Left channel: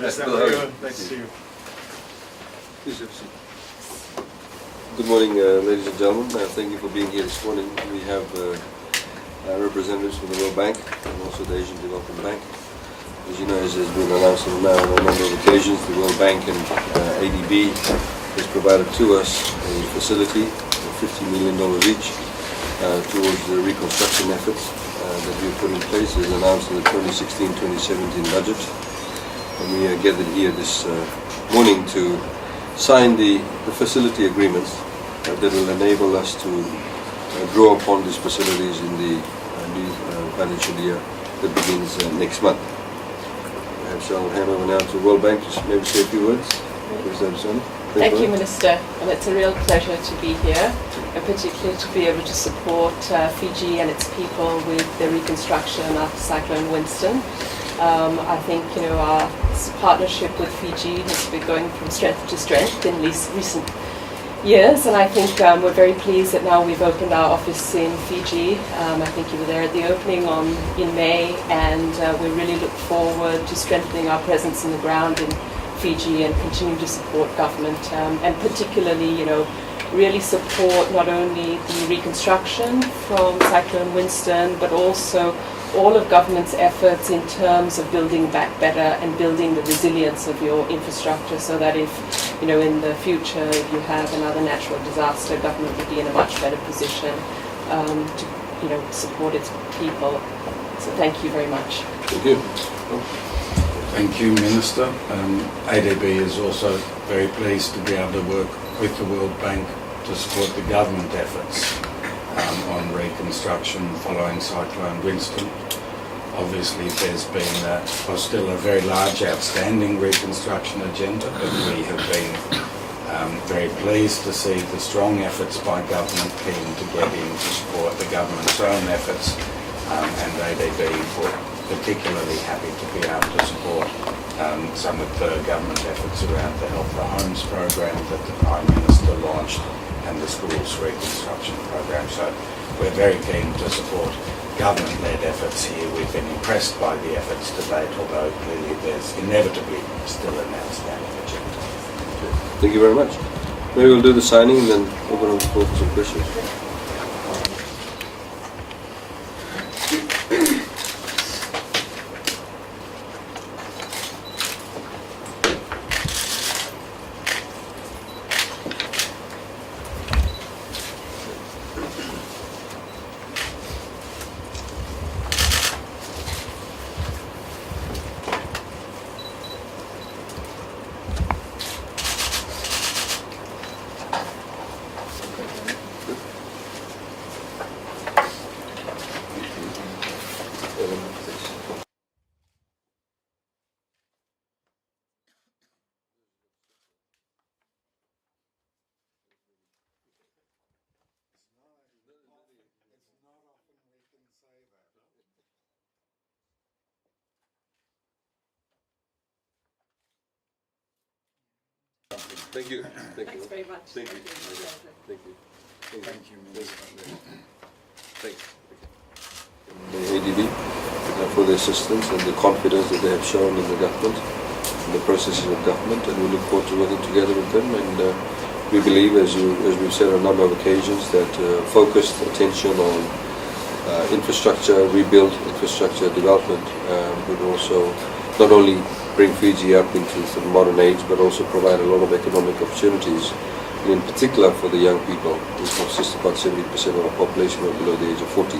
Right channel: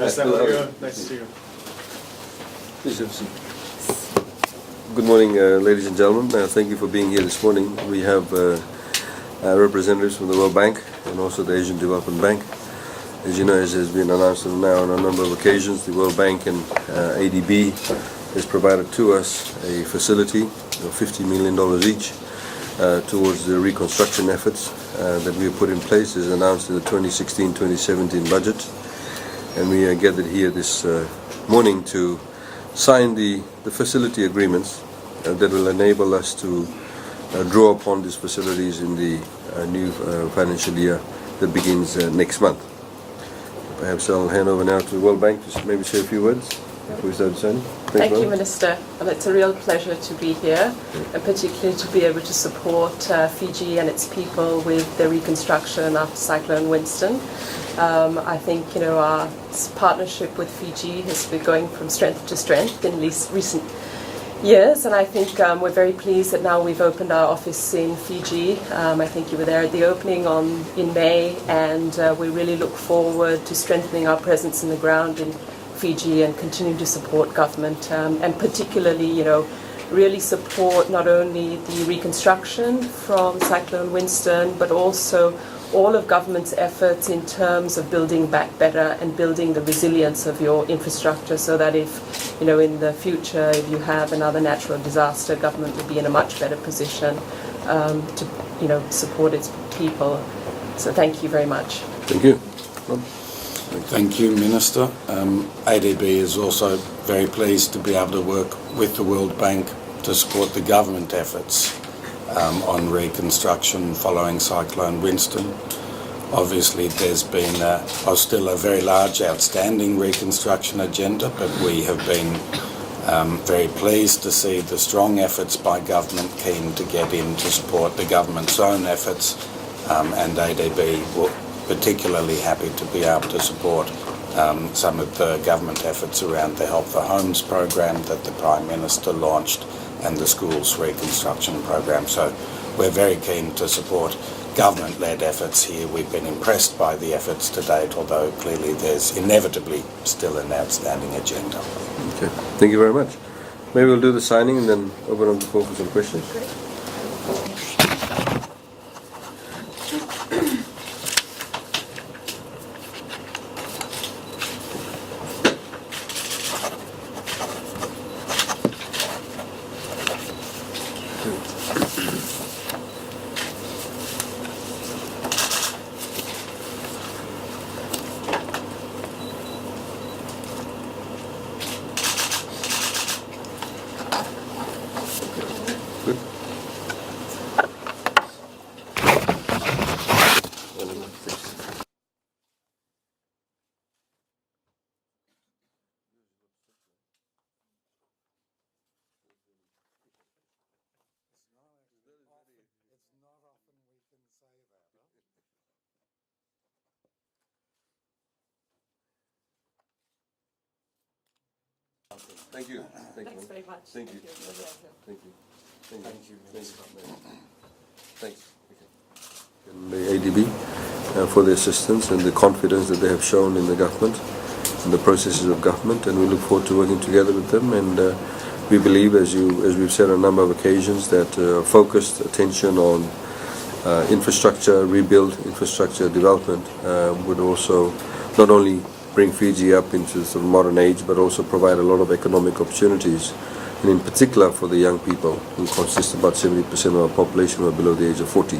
Nice to see you. Please have a seat. Good morning, ladies and gentlemen. Thank you for being here this morning. We have representatives from the World Bank and also the Asian Development Bank. As you know, as has been announced now on a number of occasions, the World Bank and ADB has provided to us a facility of $50 million each towards the reconstruction efforts that we have put in place as announced in the 2016-2017 budget. And we are gathered here this morning to sign the facility agreements that will enable us to draw upon these facilities in the new financial year that begins next month. Perhaps I'll hand over now to the World Bank to maybe say a few words. Thank you, Minister. Well, it's a real pleasure to be here, and particularly to be able to support Fiji and its people with the reconstruction after Cyclone Winston. I think our partnership with Fiji has been going from strength to strength in these recent years, and I think we're very pleased that now we've opened our office in Fiji. I think you were there at the opening in May, and we really look forward to strengthening our presence on the ground in Fiji and continue to support government, and particularly, really support not only the reconstruction from Cyclone Winston, but also all of government's efforts in terms of building back better and building the resilience of your infrastructure, so that if, in the future, if you have another natural disaster, government would be in a much better position to, support its people. So thank you very much. Thank you. Thank you, Minister. ADB is also very pleased to be able to work with the World Bank to support the government efforts on reconstruction following Cyclone Winston. Obviously there's been still a very large outstanding reconstruction agenda, but we have been very pleased to see the strong efforts by government keen to get in to support the government's own efforts, and ADB were particularly happy to be able to support some of the government efforts around the Help for Homes program that the Prime Minister launched and the schools reconstruction program. So we're very keen to support government-led efforts here. We've been impressed by the efforts to date, although clearly there's inevitably still an outstanding agenda. Okay, thank you very much. Maybe we'll do the signing and then open up the floor for some questions. Thank you. Thanks very much. Thank you. Thank you. Thank you, Minister. Thanks. ADB for the assistance and the confidence that they have shown in the government and the processes of government, and we look forward to working together with them. And we believe, as we've said on a number of occasions, that focused attention on infrastructure rebuild, infrastructure development would also not only bring Fiji up into sort of modern age, but also provide a lot of economic opportunities, and in particular for the young people, who consist of about 70% of our population who are below the age of 40.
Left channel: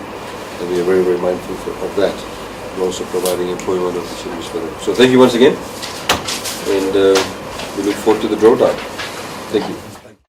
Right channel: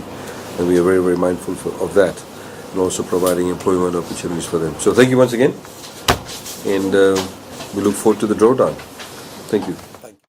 And we are very, very mindful of that, and also providing employment opportunities for them. So thank you once again, and we look forward to the drawdown. Thank you.